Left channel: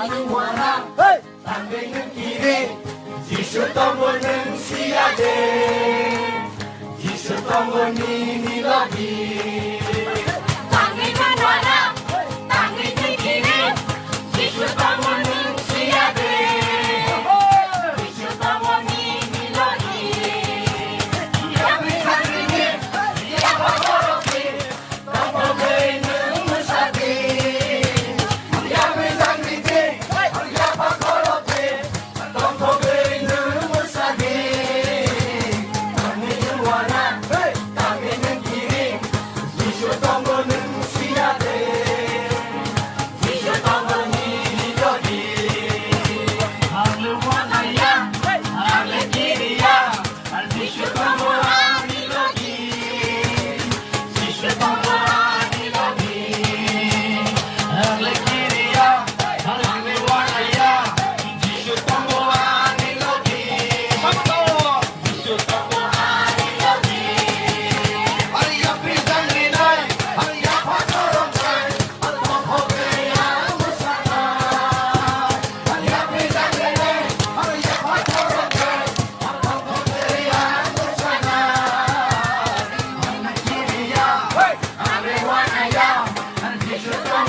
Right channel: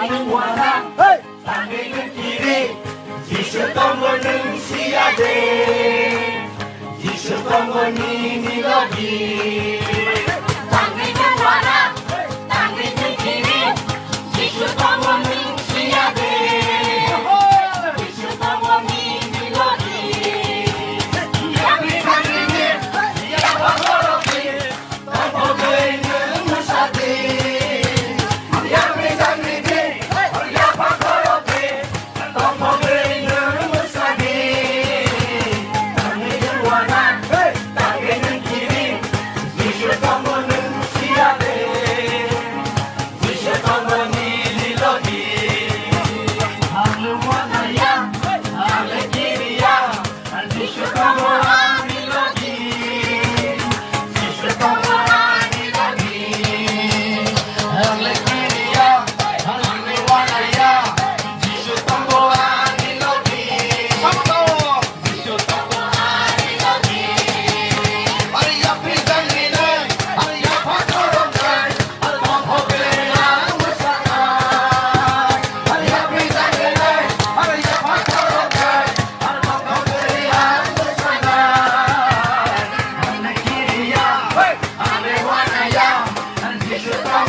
원함 당기는 길이 지셨던 거는 시야돼 지셨던 거니 미러기 당기는 원함 당기는 길이 지셨던 거는 시야돼 지셨던 거니 미러기 양이 당기는 양과 걸어기 당겨져 있는 물사기 You should